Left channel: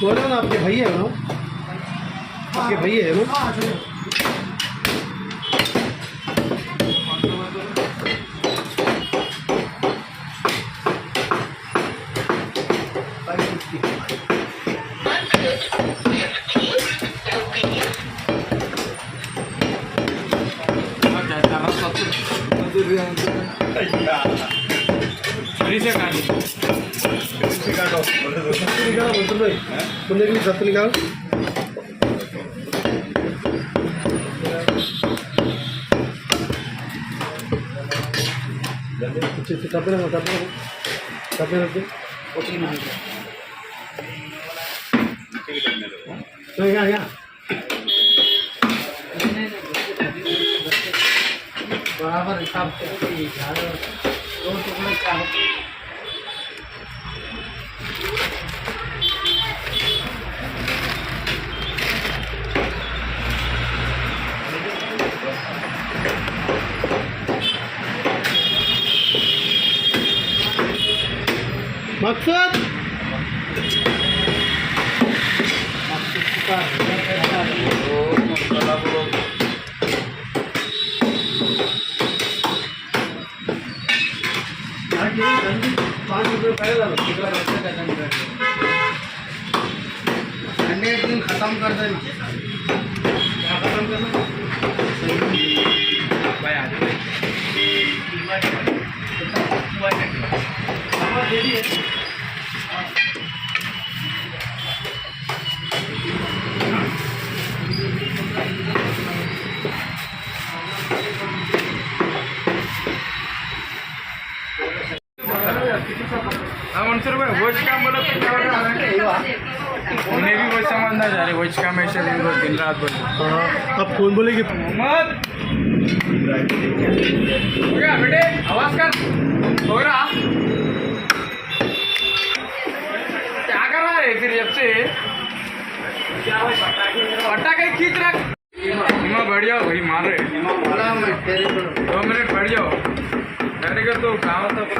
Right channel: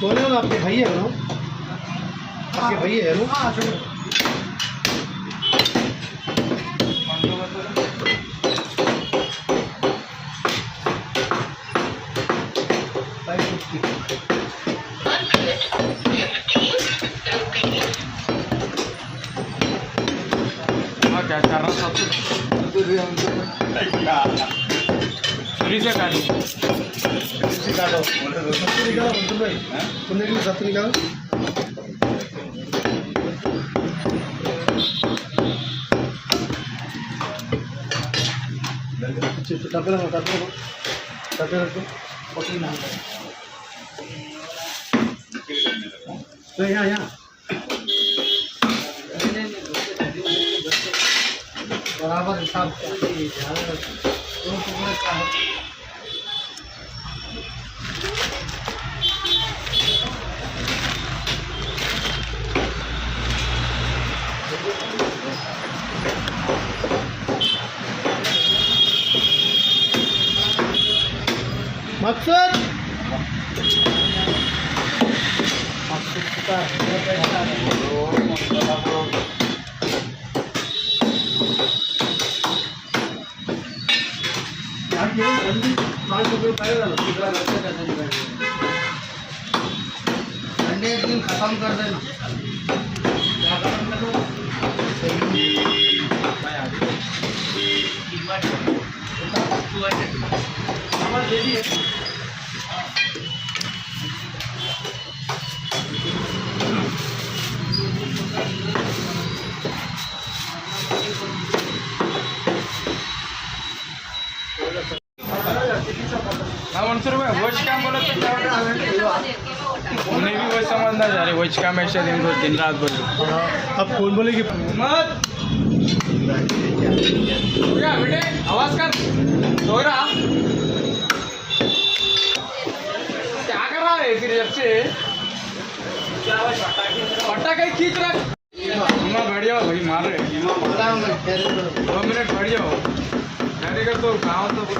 बोला ना आपके भैया है ना, आपके भैया है ना। बराबर हिसाब से मकसद अंडे एक दिन खत्म कर देना। क्या खत्म करना? वॉच काम बोलो तो उन्हें भी वही समझना चाह रहे। वॉच काम ऐसे दिन रात बोलो। अब कौन बोलेगी? मोहम्मद क्या बेटे आवाज कर सो रहा क्या कर रहा है फिर जब से पटाखे खींच रहा। बैठ जाओ भाई मार रहे 2 मिनट बैठ जाओ डायरेक्ट तो गाँव तक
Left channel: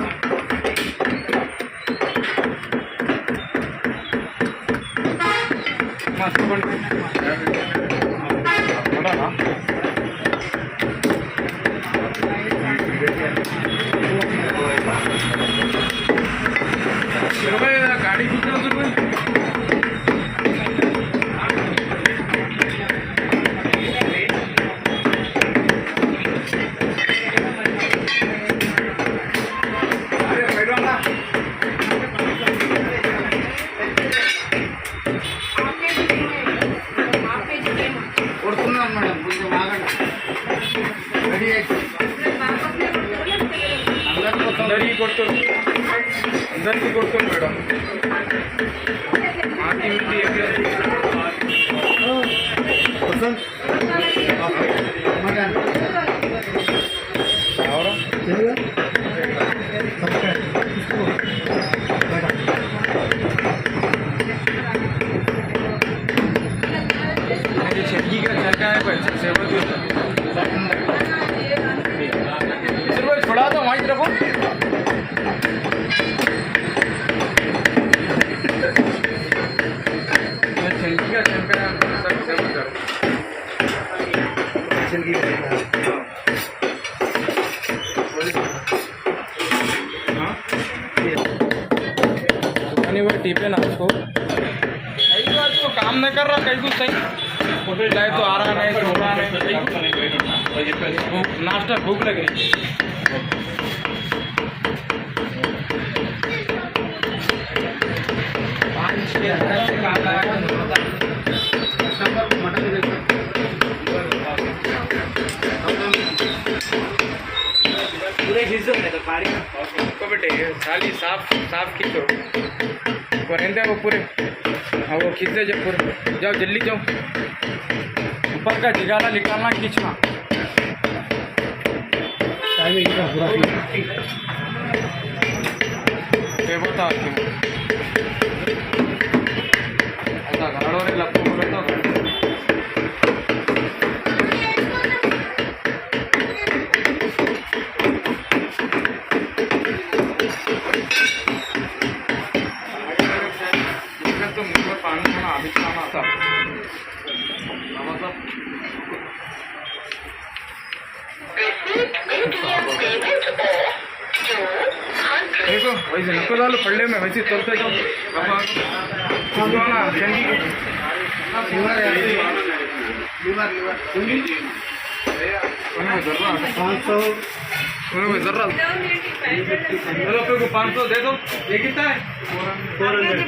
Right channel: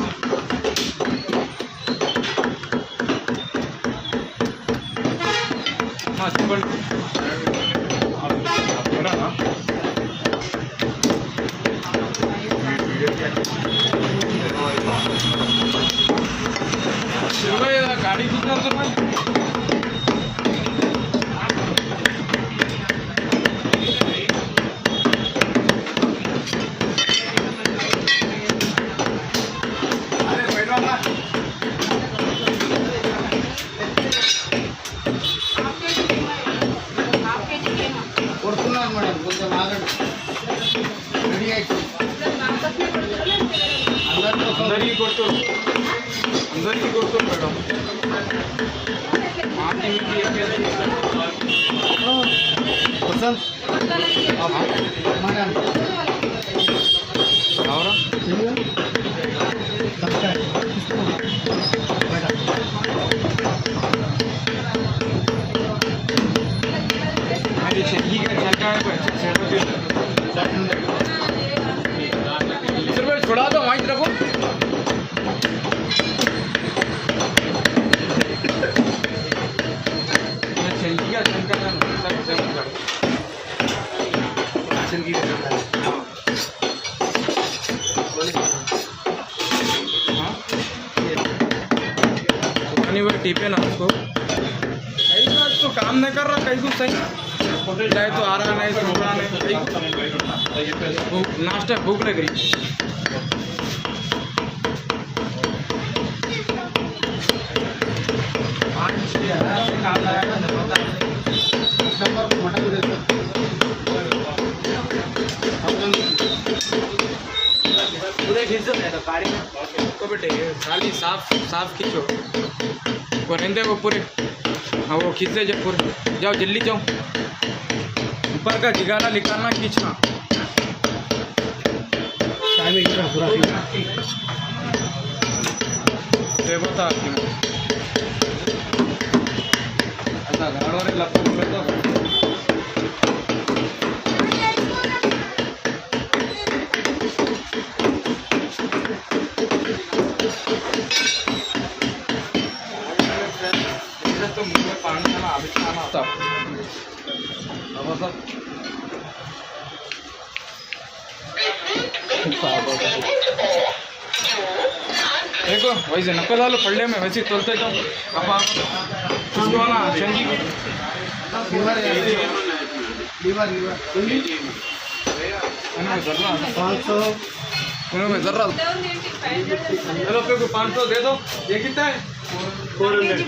गाड़ी कितना మేడం కొంచెం ఆగండి రెడీ అయితే అందరికీ కొడుతుంది మేడం ఆకి మించి వసంత్ छोड़ा दो वहीं तरफ टीपे ना उसको कई बार तो काम नहीं कर रहा कई कुछ सही होटल जाए तो आ रहा नहीं तो हो रहा नहीं नाश्ता भूख लग रही पूरे खींचो नहीं तो कारी को बेटे खाली साफ खींचो करेंगे वो पूरे हाँ वो खींचे जो पूरे जाओ जल्दी जाओ ऊपर का जिगाला निकालना खींचना पूरा बता ऐसा गाड़ो ने लपको बोले तो देखो वैसे नको झालं पडले मी वैसे चलतोय जाऊ ना शेंगी लीवर है लीवर जर्रा 500 जर्रा रुपये को 500 दे दो ये कितना है 400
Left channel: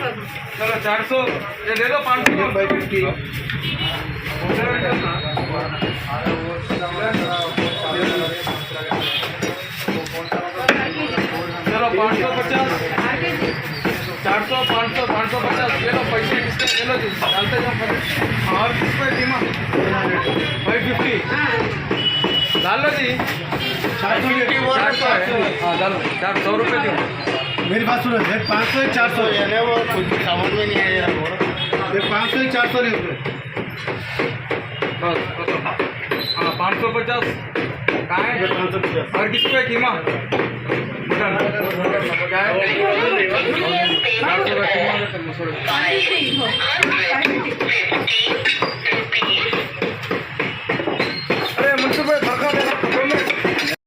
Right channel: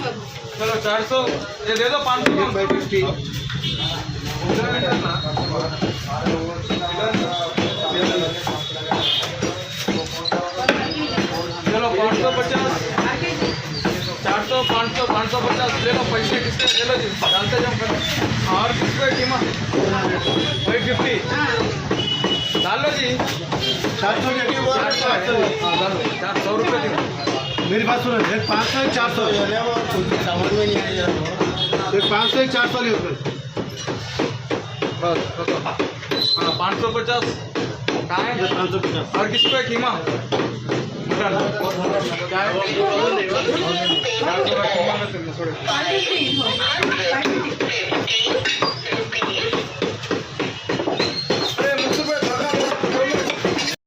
चलो 400 ये दे दो 500 चलो 550 400 500 550 ले लो पैसे किसके ले लो जी डालते जाओ और किसको कीमा 550 डाल लो जी 400 हाँ डाल दो 400 रुपये दी मेरी बात सुनो देख 500 है 400 है वो कुछ समझ में नहीं है देख 500 है 400 ले उसमें बस हाँ 550 कहाँ है 550 और किस पे कीमा क्या है